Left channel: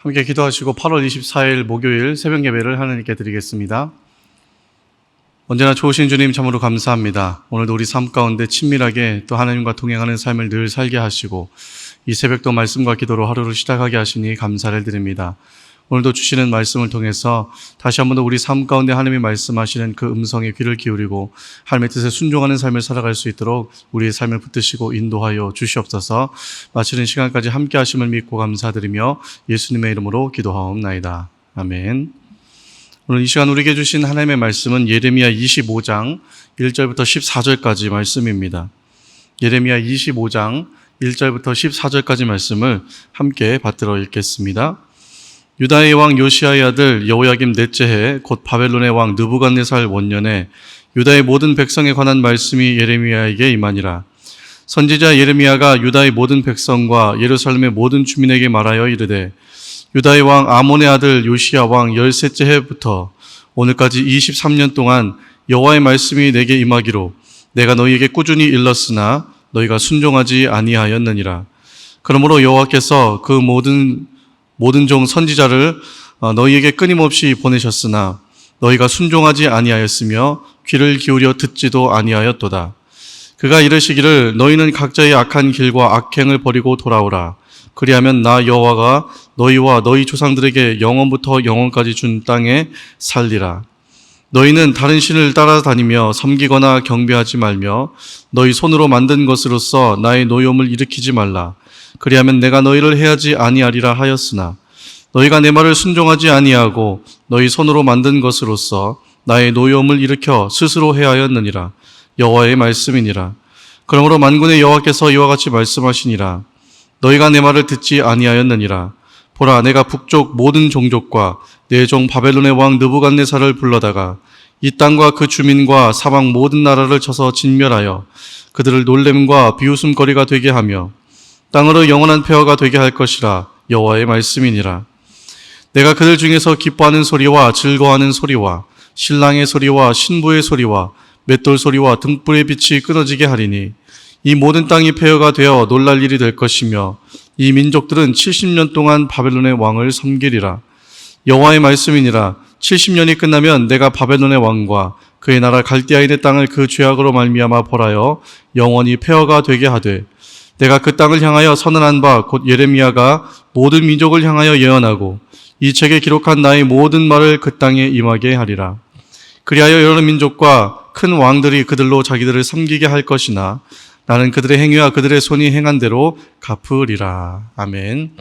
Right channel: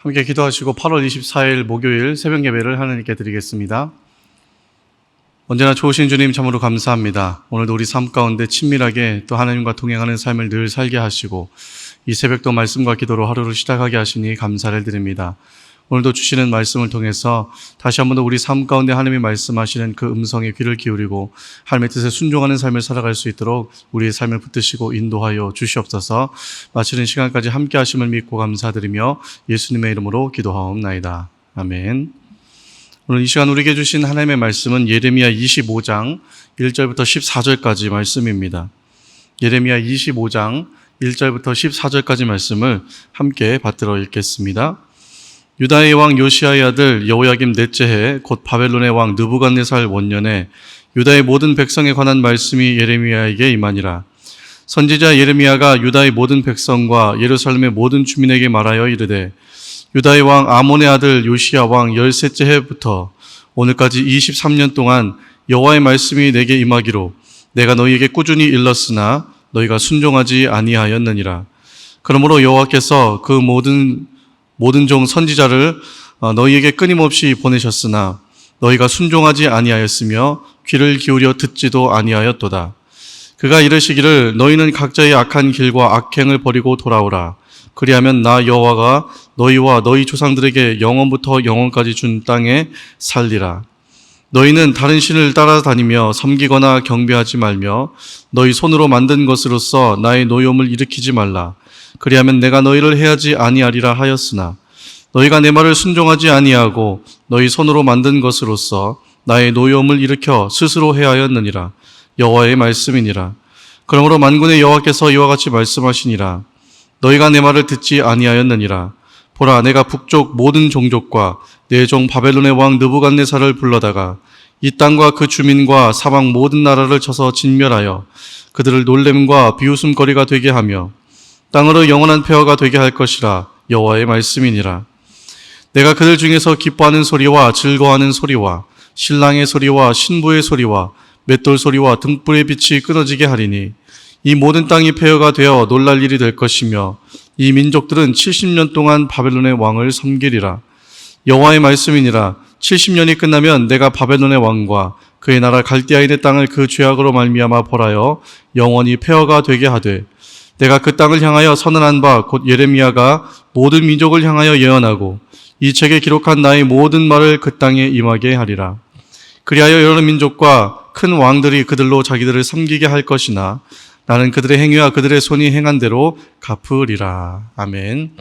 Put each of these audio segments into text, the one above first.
함께 기도하시고 8월 24일 목요일 새벽 예배를 하나님께 드리겠습니다. 언제나 좋으신 주님 참으로 감사합니다. 오늘도 우리 삶 가운데 친밀하게 또 하나님과 동행하는 삶을 늘 살게 하시고 이 새벽도 말씀과 기도로 하루를 시작하게 하시니 감사를 드립니다. 오늘도 주시는 말씀을 통해서 다시 한번 더 우리 삶 가운데 하나님이 말씀하시는 그 음성에 귀를 기울이고 하나님의 뜻에 순종하는 삶을 살아갈 수 있도록 우리의 삶을 붙드시고 인도하여 주시옵소서. 마치는 시간까지 함께 하심을 믿고 감사드리며 예수님의 이름으로 기도하옵나이다. 아멘. 오늘 이 시간 우리에게 주신 하나님의 말씀은 예레미야 25장 1절부터 14절까지 말씀입니다. 예레미야 25장 1절부터 14절까지 말씀을 함께 받들어 읽겠습니다. 유다의 왕 요시야의 아들 여호야김 넷째 해 곧 바벨론의 왕 느부갓네살 원년에 유다의 모든 백성에 관한 말씀이 예레미야에게 임하니라. 선지자 예레미야가 유다의 모든 백성과 예루살렘의 모든 주민에게 말하여 이르되 유다의 왕 아몬의 아들 요시야 왕 13째 해부터 오늘까지 23년 동안 여호와의 말씀이 내게 임하기로 내가 너희에게 꾸준히 일렀으나 너희가 순종하지 아니하였느니라. 그러므로 여호와께서 그 모든 종 선지자를 너희에게 끊임없이 보내셨으나 너희가 순종하지 아니하였으며 귀를 기울여 듣지도 아니하였도다. 그가 이르시기를 너희는 각자의 악한 길과 악행을 버리고 돌아오라. 그리하면 나 여호와가 너희와 너희 조상들에게 영원부터 영원까지 준 땅에 살리라. 너희는 다른 신을 따라다니며 섬기거나 경배하지 말며 너희 손으로 만든 것으로서 나의 노여움을 일으키지 말라. 그리하면 내가 너희를 해하지 아니하리라 하였으나 너희가 내 말을 순종하지 아니하고 너희 손으로 만든 것으로서 나의 노여움을 일으켜 스스로 해하였느니라. 여호와의 말씀이니라. 그러므로 만군의 여호와께서 이와 같이 말씀하시니라. 너희가 내 말을 듣지 아니하였느니라. 보라, 내가 북쪽 모든 종족과 내 종 바벨론의 왕 느부갓네살을 불러다가 이 땅과 그 주민과 사방 모든 나라를 쳐서 진멸하여 그들을 놀램과 비웃음거리가 되게 하며 땅으로 영원한 폐허가 되게 할 것이라. 여호와의 말씀이니라. 내가 그들 중에서 기뻐하는 소리와 즐거워하는 소리와 신랑의 소리와 신부의 소리와 맷돌 소리와 등불의 빛이 끊어지게 하리니 이 모든 땅이 폐허가 되어 놀랄 일이 될 것이며 이 민족들은 70년 동안 바벨론의 왕을 섬기리라. 여호와의 말씀이니라. 70년이 끝나면 내가 바벨론의 왕과 그의 나라 갈대아인의 땅을 그 죄악으로 말미암아 벌하여 영원히 폐허가 되게 하되 내가 그 땅을 향하여 선언한 바 곧 예레미야가 모든 민족을 향하여 예언하고 이 책에 기록한 나의 모든 말을 그 땅에 임하게 하리라. 그리하여 여러 민족과 큰 왕들이 그들로 자기들을 섬기게 할 것이나 나는 그들의 행위와 그들의 손이 행한 대로 갚으리라. 아멘.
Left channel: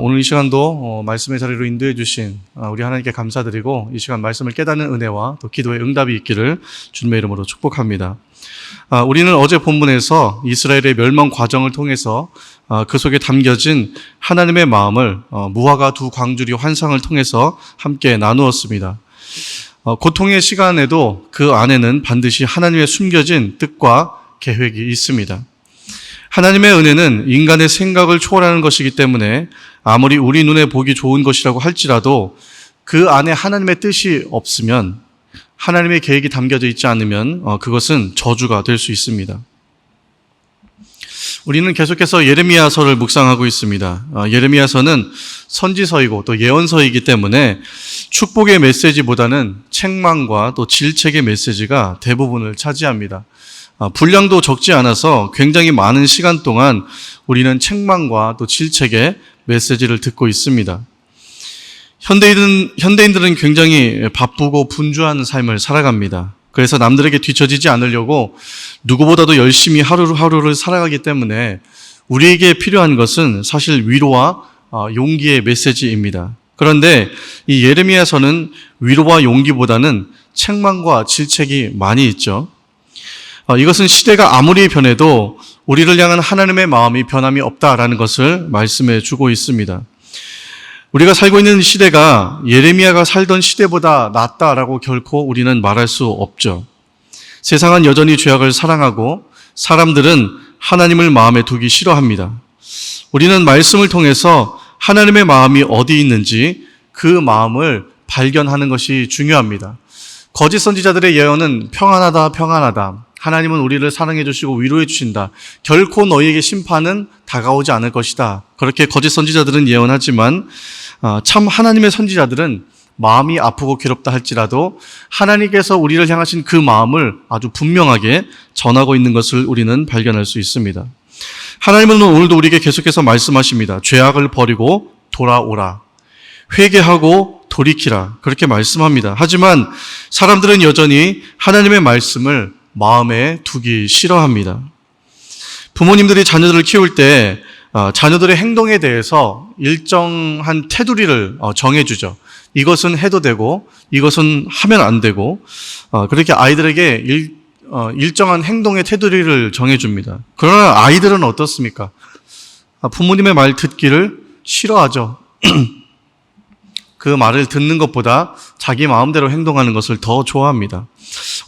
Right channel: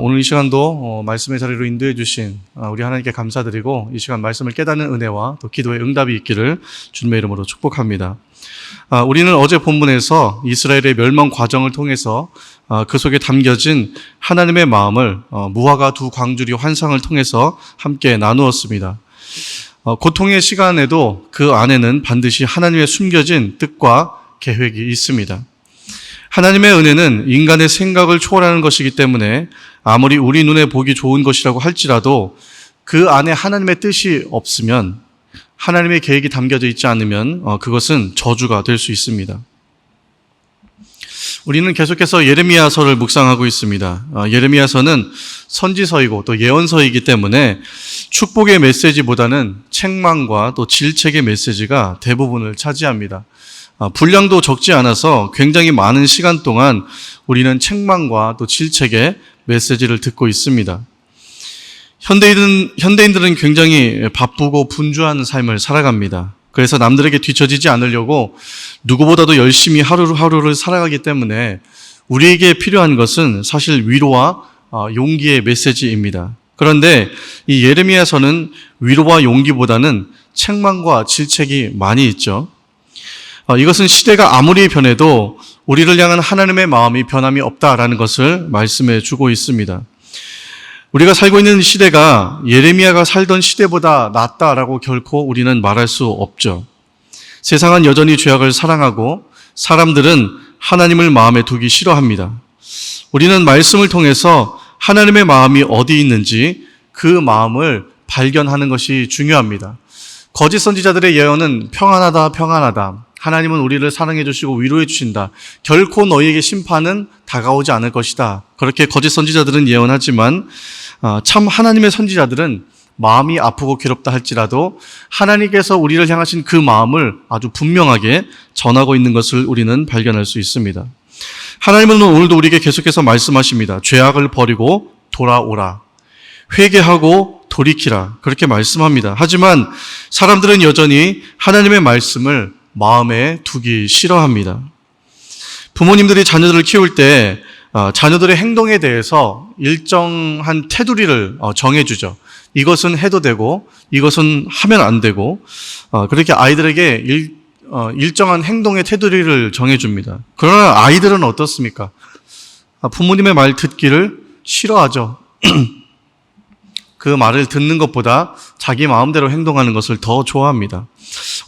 오늘 이 시간도 말씀의 자리로 인도해 주신 우리 하나님께 감사드리고 이 시간 말씀을 깨닫는 은혜와 또 기도의 응답이 있기를 주님의 이름으로 축복합니다. 우리는 어제 본문에서 이스라엘의 멸망 과정을 통해서 그 속에 담겨진 하나님의 마음을 무화과 두 광주리 환상을 통해서 함께 나누었습니다. 고통의 시간에도 그 안에는 반드시 하나님의 숨겨진 뜻과 계획이 있습니다. 하나님의 은혜는 인간의 생각을 초월하는 것이기 때문에 아무리 우리 눈에 보기 좋은 것이라고 할지라도 그 안에 하나님의 뜻이 없으면 하나님의 계획이 담겨져 있지 않으면 그것은 저주가 될 수 있습니다. 우리는 계속해서 예레미야서를 묵상하고 있습니다. 예레미야서는 선지서이고 또 예언서이기 때문에 축복의 메시지보다는 책망과 또 질책의 메시지가 대부분을 차지합니다. 분량도 적지 않아서 굉장히 많은 시간 동안 우리는 책망과 또 질책의 메시지를 듣고 있습니다. 현대인들은 굉장히 바쁘고 분주한 삶을 살아갑니다. 그래서 남들에게 뒤처지지 않으려고 누구보다도 열심히 하루하루를 살아가기 때문에 우리에게 필요한 것은 사실 위로와 용기의 메시지입니다. 그런데 이 예레미야서는 위로와 용기보다는 책망과 질책이 많이 있죠. 이것은 시대가 아무리 변해도 우리를 향한 하나님의 마음이 변함이 없다라는 것을 말씀해 주고 있습니다. 우리가 살고 있는 시대가 예레미야가 살던 시대보다 낫다라고 결코 우리는 말할 수 없죠. 세상은 여전히 죄악을 사랑하고 사람들은 하나님을 마음에 두기 싫어합니다. 우리는 말씀을 통해서 하나님의 마음이 어디 있는지 그 마음을 발견하는 것이 중요합니다. 거짓 선지자들의 예언은 평안하다, 평안하다. 하나님은 우리를 사랑해 주시고 위로해 주신다. 결코 너희에게 심판은 다가오지 않을 것이다. 그렇게 거짓 선지자들은 예언하지만 참 하나님의 선지자들은 마음이 아프고 괴롭다 할지라도 하나님께서 우리를 향하신 그 마음을 아주 분명하게 전하고 있는 것을 우리는 발견할 수 있습니다. 하나님은 오늘도 우리에게 계속해서 말씀하십니다. 죄악을 버리고 돌아오라. 회개하고 돌이키라. 그렇게 말씀합니다. 하지만 사람들은 여전히 하나님의 말씀을 마음에 두기 싫어합니다. 부모님들이 자녀들을 키울 때 자녀들의 행동에 대해서 일정한 테두리를 정해주죠. 이것은 해도 되고 이것은 하면 안 되고 그렇게 아이들에게 일정한 행동의 테두리를 정해줍니다. 그러나 아이들은 어떻습니까? 부모님의 말 듣기를 싫어하죠. 그 말을 듣는 것보다 자기 마음대로 행동하는 것을 더 좋아합니다.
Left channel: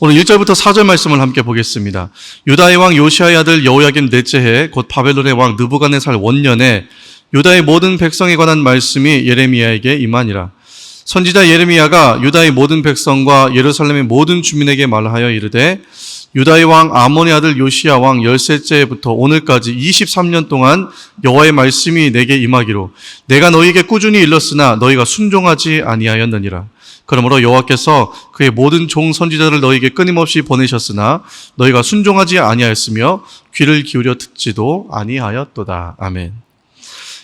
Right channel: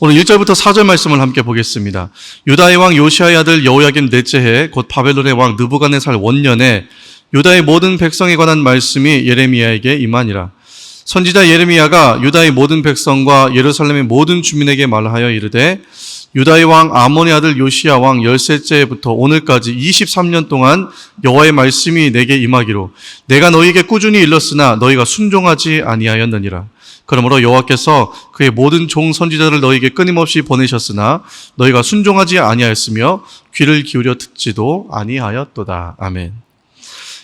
오늘 1절부터 4절 말씀을 함께 보겠습니다. 유다의 왕 요시아의 아들 여호야김 넷째 해 곧 바벨론의 왕 느부갓네살 원년에 유다의 모든 백성에 관한 말씀이 예레미야에게 임하니라. 선지자 예레미야가 유다의 모든 백성과 예루살렘의 모든 주민에게 말하여 이르되 유다의 왕 아몬의 아들 요시야 왕 13째 해부터 오늘까지 23년 동안 여호와의 말씀이 내게 임하기로 내가 너희에게 꾸준히 일렀으나 너희가 순종하지 아니하였느니라. 그러므로 여호와께서 그의 모든 종 선지자들을 너희에게 끊임없이 보내셨으나 너희가 순종하지 아니하였으며 귀를 기울여 듣지도 아니하였도다. 아멘.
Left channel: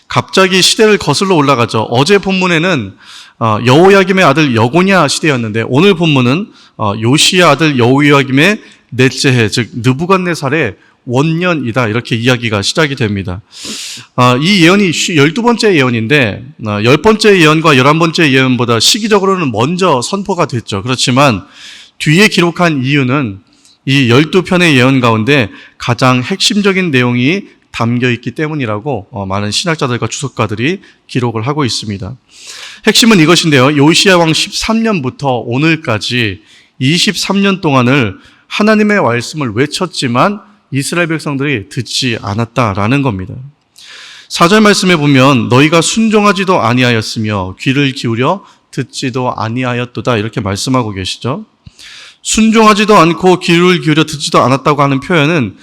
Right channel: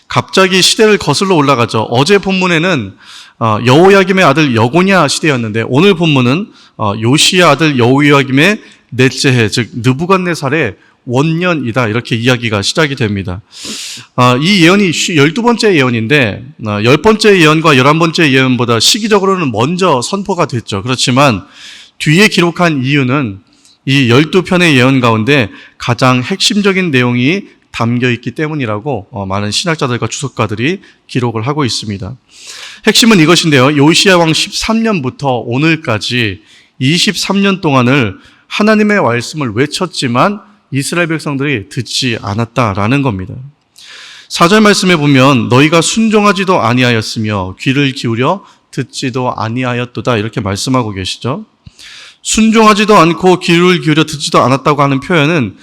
갑자기 시대를 거슬러 올라가죠. 어제 본문에는 여호야김의 아들 여고냐 시대였는데 오늘 본문은 요시야 아들 여호야김의 넷째 해, 즉 느부갓네살의 원년이다. 이렇게 이야기가 시작이 됩니다. 이 예언이 12번째 예언인데 10번째 예언과 11번째 예언보다 시기적으로는 먼저 선포가 됐죠. 그렇지만 뒤에 기록한 이유는 이 12편의 예언 가운데 가장 핵심적인 내용이 담겨 있기 때문이라고 많은 신학자들과 주석가들이 기록을 하고 있습니다. 핵심은 이것인데요. 요시야 왕 13년부터 오늘까지 23년 동안을 하나님의 말씀을 외쳤지만 이스라엘 백성들이 듣지 않았다라는 겁니다. 4절 말씀에 보면 너희가 순종하지도 아니하였으며 귀를 기울여 듣지도 아니하였도다 이렇게 말씀하고 계시죠. 순종하지도 않고 귀를 기울여 듣지도 않았다고 하는 표현은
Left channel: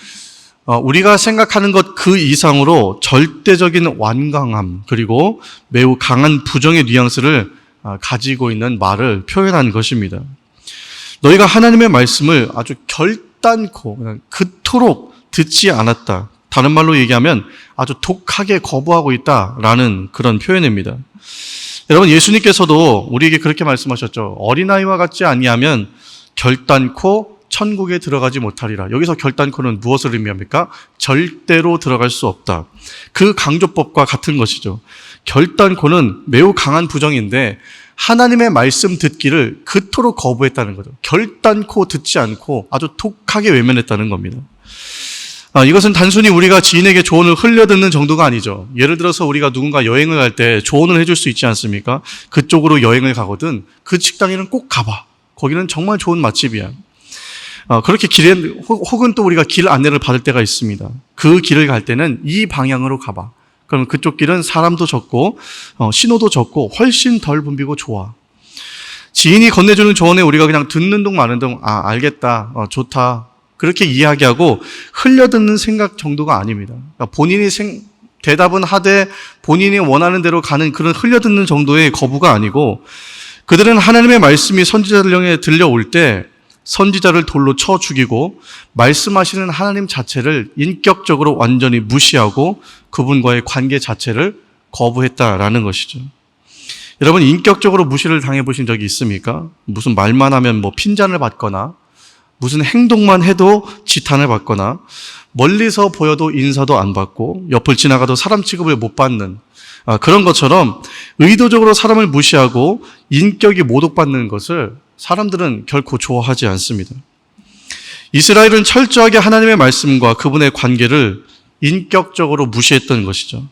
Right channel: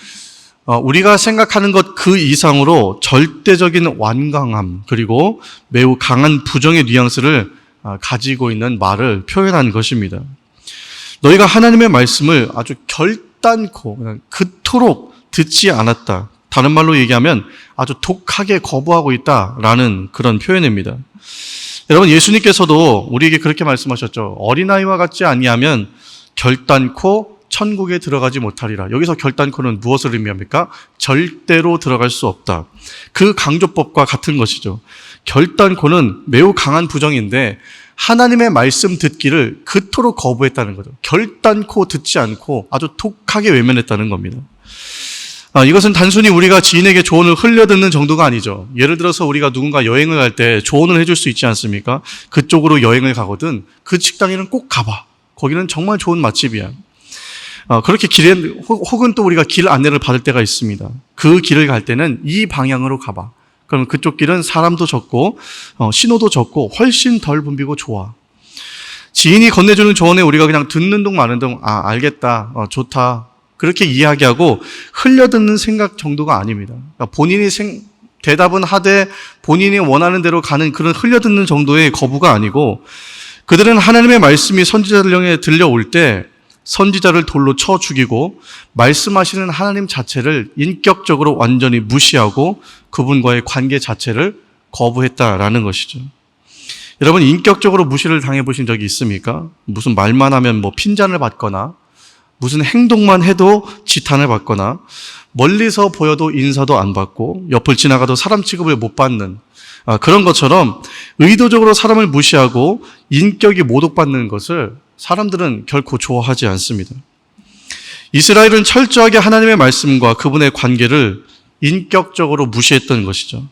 우리가 생각하는 것 그 이상으로 절대적인 완강함 그리고 매우 강한 부정의 뉘앙스를 가지고 있는 말을 표현한 것입니다. 너희가 하나님의 말씀을 아주 결단코 그냥 그토록 듣지 않았다. 다른 말로 얘기하면 아주 독하게 거부하고 있다라는 그런 표현입니다. 여러분 예수님께서도 우리에게 그렇게 말씀하셨죠. 어린아이와 같지 아니하면 결단코 천국에 들어가지 못하리라. 여기서 결단코는 무엇을 의미합니까? 절대로 들어갈 수 없다. 그 강조법과 같은 것이죠. 결단코는 매우 강한 부정인데 하나님의 말씀 듣기를 그토록 거부했다는 거죠. 결단코 듣지 않고 아주 독하게 외면했다는 겁니다. 이것은 단순히 우리가 지인에게 조언을 흘려듣는 정도가 아니죠. 예를 들어서 우리가 누군가 여행을 갈 때 조언을 해줄 수 있지 않습니까? 그쪽으로 여행을 가거든 그 식당에는 꼭 가봐. 거기는 정말 좋은 맛집이야. 그렇게 혹은 또 우리가 길 안내를 받을 때가 있습니다. 그 길을 갈 때는 이 방향으로 가봐. 그러면 그쪽 길은 사람도 적고 신호도 적고 훨씬 덜 붐비고 좋아. 지인이 건네주는 조언에 우리가 그냥 듣는 둥 마는 둥 알겠다, 좋다 그렇게 이야기하고 흘려듣는 생각 정도가 아닙니다. 그러니까 본인이 대답은 하되 본인이 원하는 대로 가는 그런 흘려듣는 정도의 거부가 아니고 그들은 하나님의 말씀이 선지자들 향해 들려올 때 선지자를 돌로 쳐 죽이고 말씀하시는 하나님 자체를 인격적으로 완전히 무시하고 그분과의 관계 자체를 거부했다라는 것이죠. 여러분 인격적으로 무시를 당해보신 적이 있습니까? 무슨 말만 하면 핀잔을 받거나 무슨 행동만 해도 지탄을 받거나 멀리서 보여도 인사도 안 받고 옆을 지나가도 사람 취급을 못 받는 그런 것처럼 의도적으로 사람을 무시하고 인격이 모독받는 것을 사람들은 결코 좋아하지 않습니다. 이스라엘은 철저하게 하나님의 말씀과 그분의 관계를 인격적으로 무시했던 것이죠.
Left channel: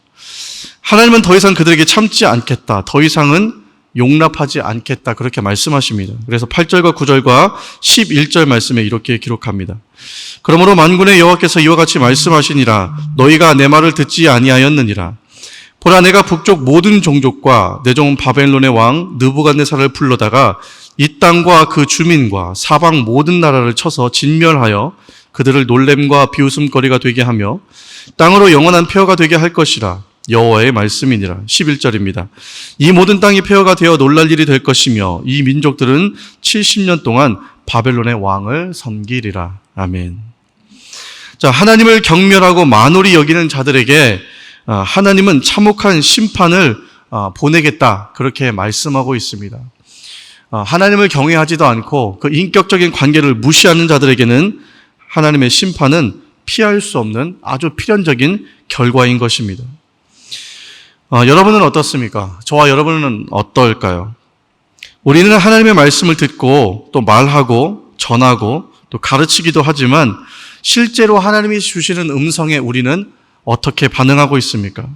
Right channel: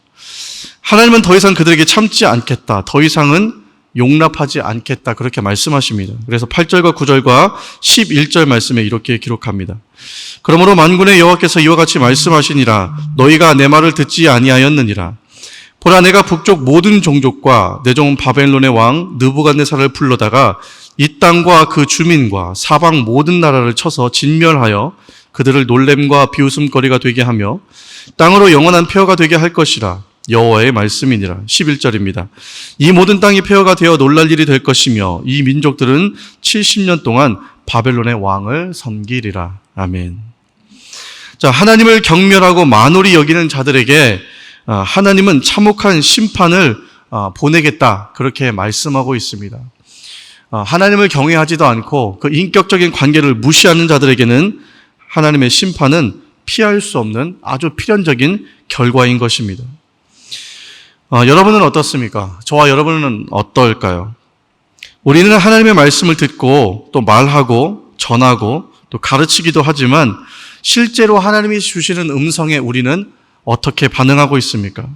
하나님은 더 이상 그들에게 참지 않겠다. 더 이상은 용납하지 않겠다. 그렇게 말씀하십니다. 그래서 8절과 9절과 11절 말씀에 이렇게 기록합니다. 그러므로 만군의 여호와께서 이와 같이 말씀하시니라. 너희가 내 말을 듣지 아니하였느니라. 보라 내가 북쪽 모든 종족과 내 종 바벨론의 왕 느부갓네살을 불러다가 이 땅과 그 주민과 사방 모든 나라를 쳐서 진멸하여 그들을 놀램과 비웃음거리가 되게 하며 땅으로 영원한 폐허가 되게 할 것이라. 여호와의 말씀이니라. 11절입니다. 이 모든 땅이 폐허가 되어 놀랄 일이 될 것이며 이 민족들은 70년 동안 바벨론의 왕을 섬기리라. 아멘. 자, 하나님을 경멸하고 만홀히 여기는 자들에게 하나님은 참혹한 심판을 보내겠다, 그렇게 말씀하고 있습니다. 하나님을 경외하지도 않고 그 인격적인 관계를 무시하는 자들에게는 하나님의 심판은 피할 수 없는 아주 필연적인 결과인 것입니다. 여러분은 어떻습니까? 저와 여러분은 어떨까요? 우리는 하나님의 말씀을 듣고 또 말하고 전하고 또 가르치기도 하지만 실제로 하나님이 주시는 음성에 우리는 어떻게 반응하고 있습니까?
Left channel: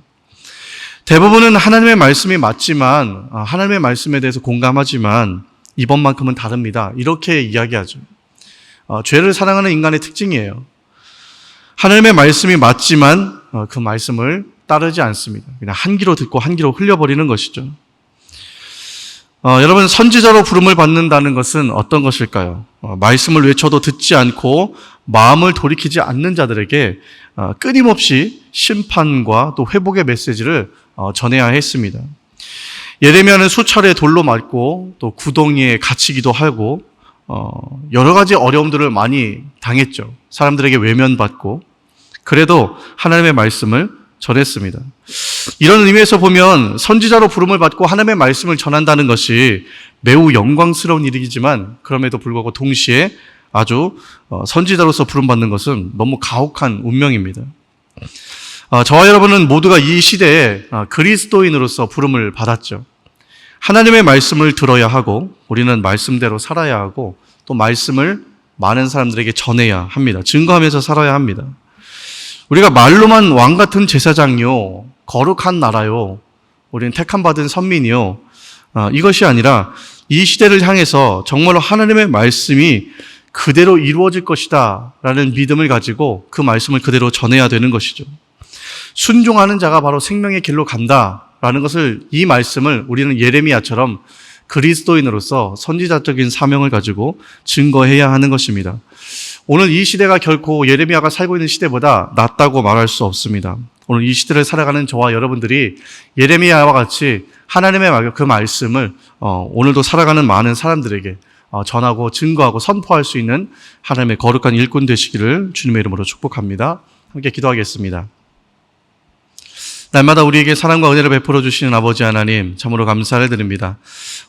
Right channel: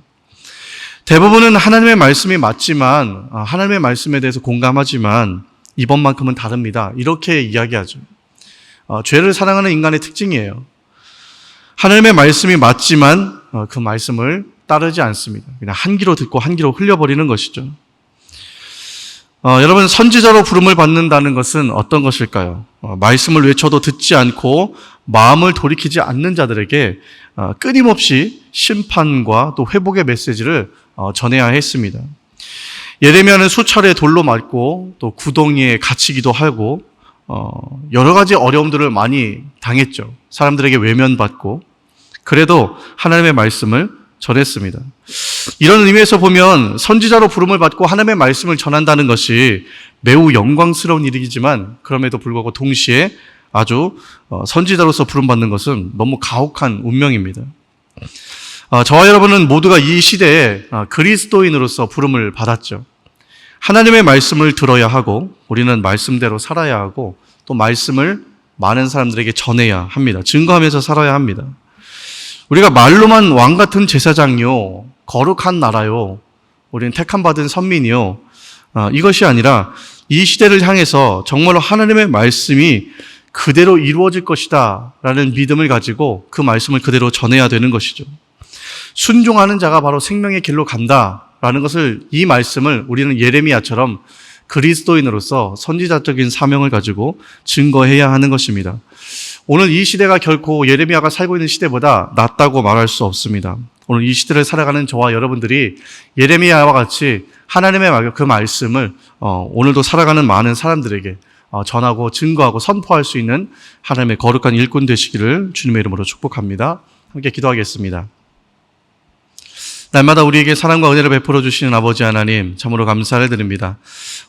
대부분은 하나님의 말씀이 맞지만, 하나님의 말씀에 대해서 공감하지만 이번만큼은 다릅니다, 이렇게 이야기하죠. 죄를 사랑하는 인간의 특징이에요. 하나님의 말씀이 맞지만 그 말씀을 따르지 않습니다. 그냥 한 귀로 듣고 한 귀로 흘려버리는 것이죠. 여러분, 선지자로 부름을 받는다는 것은 어떤 것일까요? 말씀을 외쳐도 듣지 않고 마음을 돌이키지 않는 자들에게 끊임없이 심판과 또 회복의 메시지를 전해야 했습니다. 예레미야는 수차례 돌로 맞고 또 구덩이에 갇히기도 하고 여러 가지 어려움들을 많이 당했죠. 사람들에게 외면받고. 그래도 하나님의 말씀을 전했습니다. 이런 의미에서 보면 선지자로 부름을 받고 하나님의 말씀을 전한다는 것이 매우 영광스러운 일이지만 그럼에도 불구하고 동시에 아주 선지자로서 부름받는 것은 너무 가혹한 운명입니다. 저와 여러분은 모두가 이 시대에 그리스도인으로서 부름을 받았죠. 하나님의 말씀을 들어야 하고 우리는 말씀대로 살아야 하고 또 말씀을 많은 사람들에게 전해야 합니다. 증거하면서 살아야 합니다. 우리가 말로만 왕 같은 제사장이요, 거룩한 나라요, 우리는 택함받은 선민이요, 이것이 아니라 이 시대를 향해서 정말로 하나님의 말씀이 그대로 이루어질 것이다 라는 믿음을 가지고 그 말씀을 그대로 전해야 되는 것이죠. 순종하는 자가 바로 생명의 길로 간다라는 것을, 이 말씀을 우리는 예레미야처럼 그리스도인으로서 선지자적인 사명을 가지고 증거해야 하는 것입니다. 오늘 이 시대가 결코 예레미야가 살고 있는 시대보다 낫다고 말할 수 없습니다. 오늘 이 시대를 살아가는 저와 여러분들이 예레미야와 같이 하나님의 그 말씀을 오늘도 살아가는 많은 사람들에게 전하고 증거하고 선포할 수 있는 하나님의 거룩한 일꾼 되시기를 주님의 이름으로 축복합니다. 함께 기도하겠습니다. 날마다 우리에게 사랑과 은혜를 베풀어 주시는 아버지 하나님, 참으로 감사를 드립니다.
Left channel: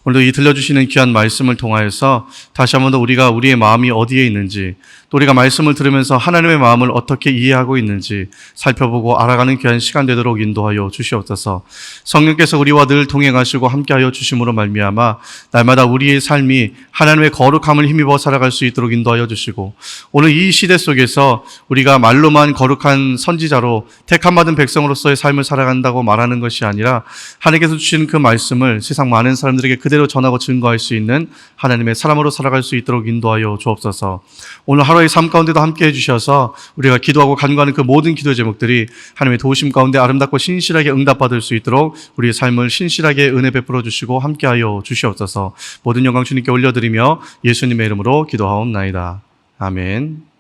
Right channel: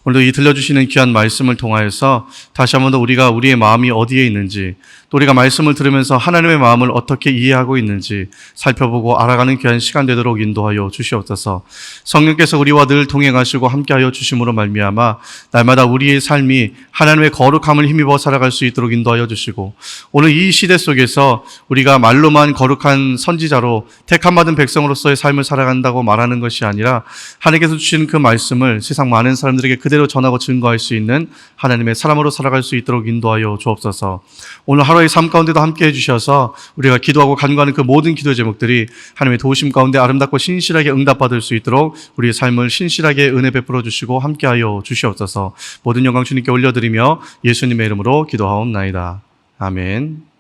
오늘도 이 들려주시는 귀한 말씀을 통하여서 다시 한번 더 우리가 우리의 마음이 어디에 있는지, 또 우리가 말씀을 들으면서 하나님의 마음을 어떻게 이해하고 있는지 살펴보고 알아가는 귀한 시간 되도록 인도하여 주시옵소서. 성령께서 우리와 늘 동행하시고 함께하여 주심으로 말미암아 날마다 우리의 삶이 하나님의 거룩함을 힘입어 살아갈 수 있도록 인도하여 주시고, 오늘 이 시대 속에서 우리가 말로만 거룩한 선지자로 택함받은 백성으로서의 삶을 살아간다고 말하는 것이 아니라 하나님께서 주신 그 말씀을 세상 많은 사람들에게 그대로 전하고 증거할 수 있는 하나님의 사람으로 살아갈 수 있도록 인도하여 주옵소서. 오늘 하루의 삶 가운데도 함께 해주셔서 우리가 기도하고 간구하는 그 모든 기도 제목들이 하나님의 도우심 가운데 아름답고 신실하게 응답받을 수 있도록 우리의 삶을 신실하게 은혜 베풀어 주시고 함께하여 주시옵소서. 모든 영광 주님께 올려드리며 예수님의 이름으로 기도하옵나이다. 아멘.